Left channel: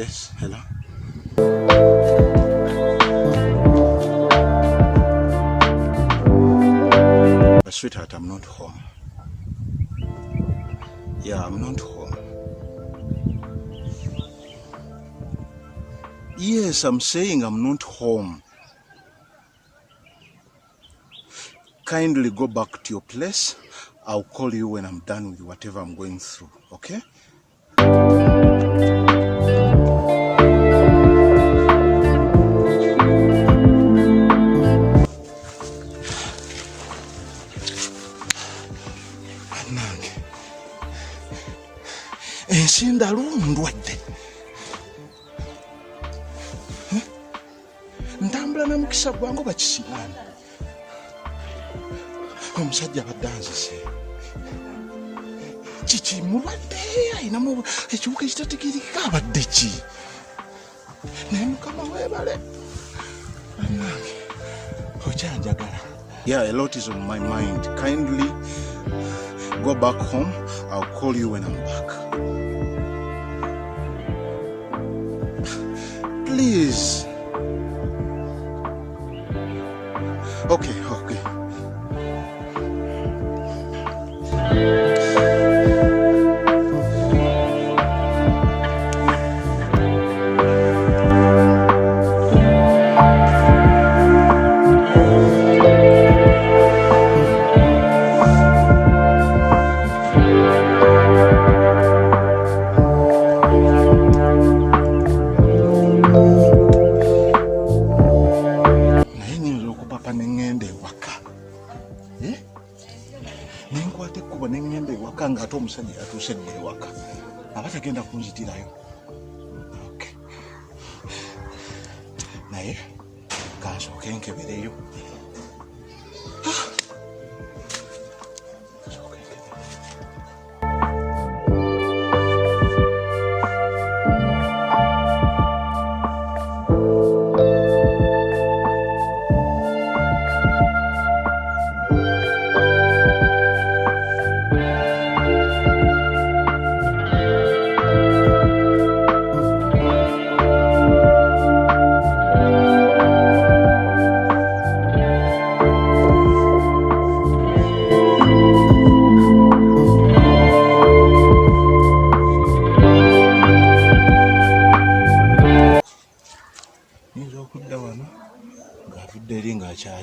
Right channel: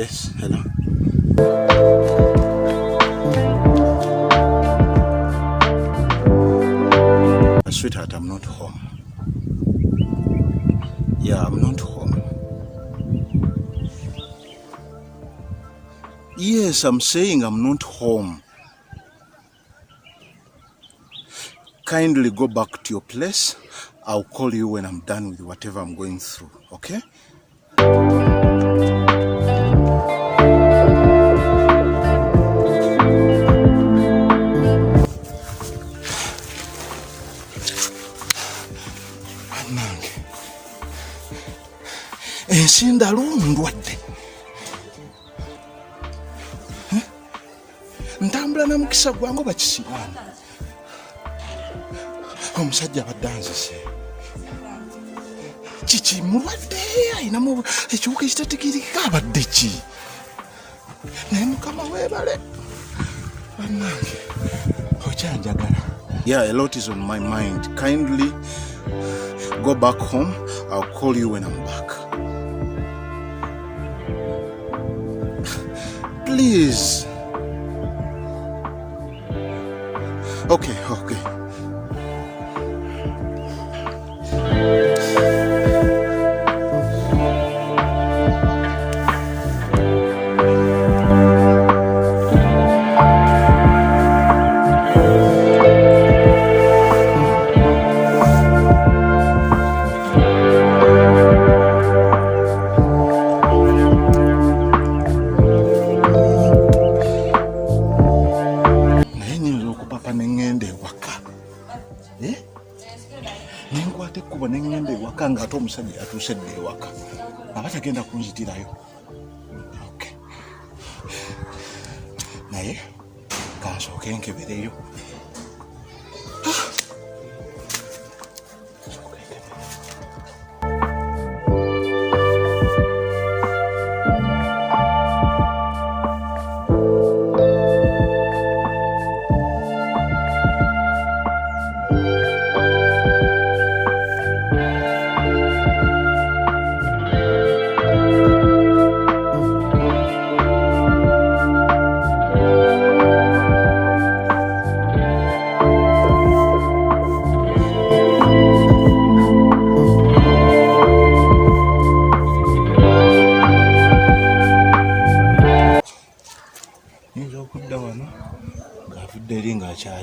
Yes, hello. Sweetheart, I'm not home. Yeah, I'm not home. Yes, I'm saying I'm not home. Kindly go back to your place. I'll call you when I'm done with whatever I'm going through, okay? Ensinda ndwadde. Ntambula na mukisa gwange bakisimaana. Omusajja abadde anzise. Kiki mulwadde ayinamu ekiwuka ekitategeerekeka abadde ki? Naye Mukama weebale. Bannange, okyanjagala. Yeah, a lot is on my mind. Kindly go back home. I'll call you when I'm back. Please. Okay. Abatagenda kunzitirayo. Okay. Naye kansooke nkebereyo.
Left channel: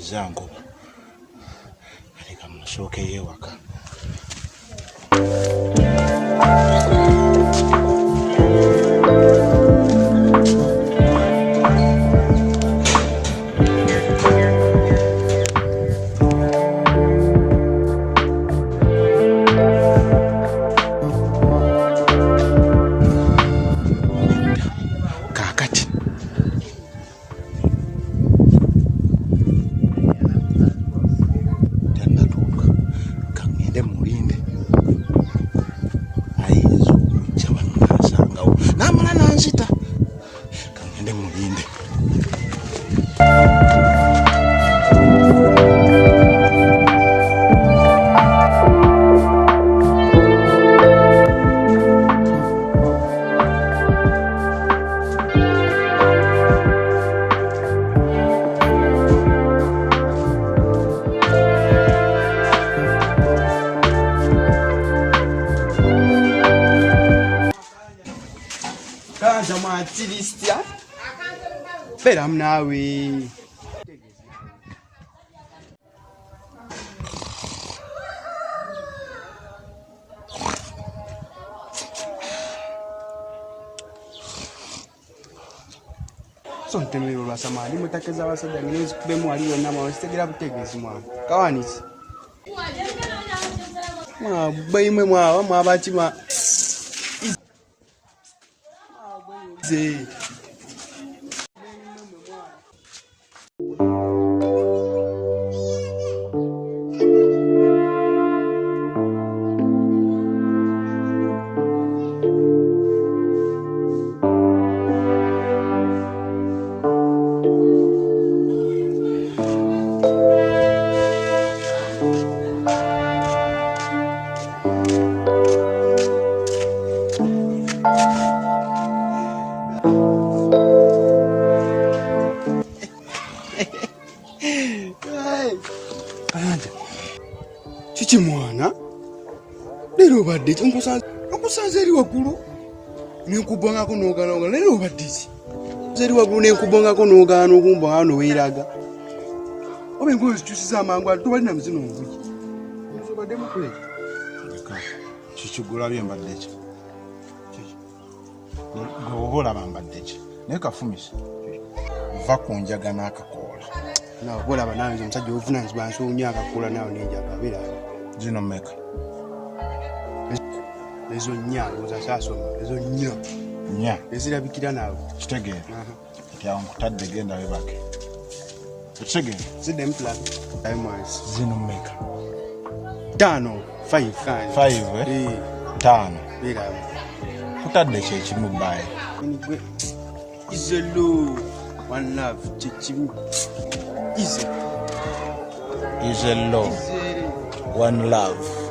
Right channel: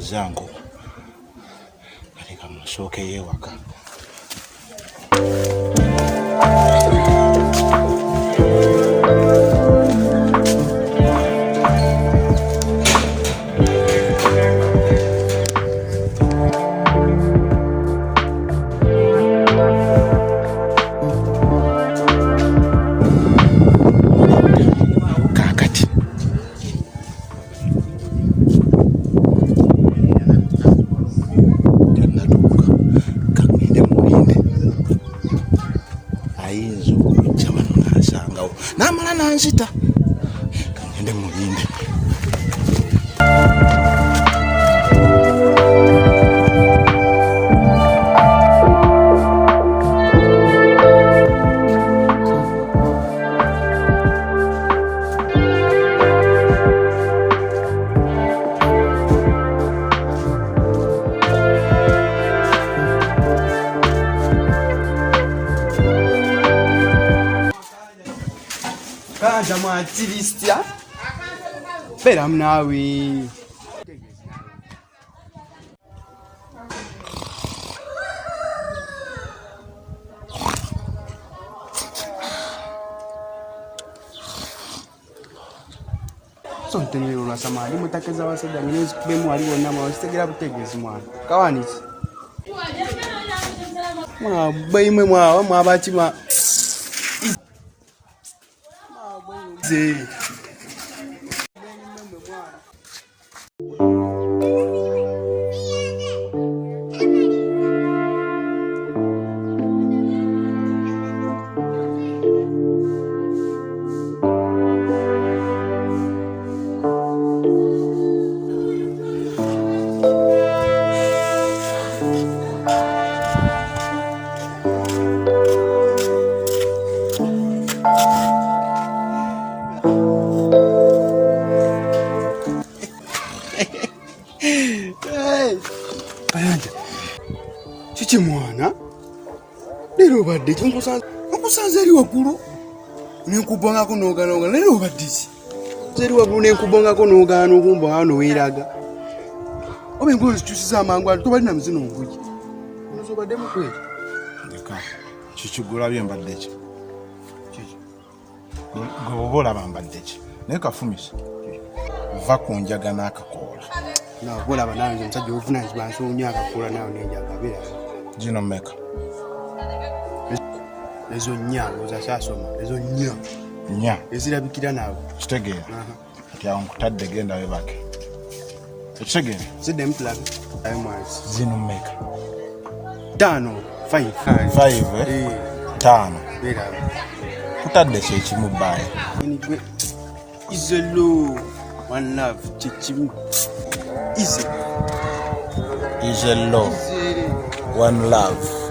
Zango katika mshoke yewaka. Kayanja mwantiristia. Pera mnawe. Something na samali mutakeza basajja minezi kubemu ali wonna mwazitegera butegezi mwana. Kawanisi. Mwa bayimwe mwa mwabati ma Lero badde nkusanze eri waggulu nenkubongako n'ogaanooga lero obadde ki zeri waggulu nenkubongako n'ogaana okumbonga wano weeraga oba engozi zikyusiza amangu ano tobalina muzino nvugi obadde mukweri kikigulabye mbadde ki goba olaba mbadde ki naye kafumisa va ku njaga n'akakoola olaba nange omusajja obuvunanyizibwa nsoonya akakoola nawe nenjagabera gino mmeka ezo nnya ozasaasoma ezo nnya ezirabikira naawe kitegeera kati awo nkutadde genda webake ekitegeera ziddemu tulabe zino mmeka 5 5 kutadde kyekimu bbaaya izelo one love kyekimu izelo one love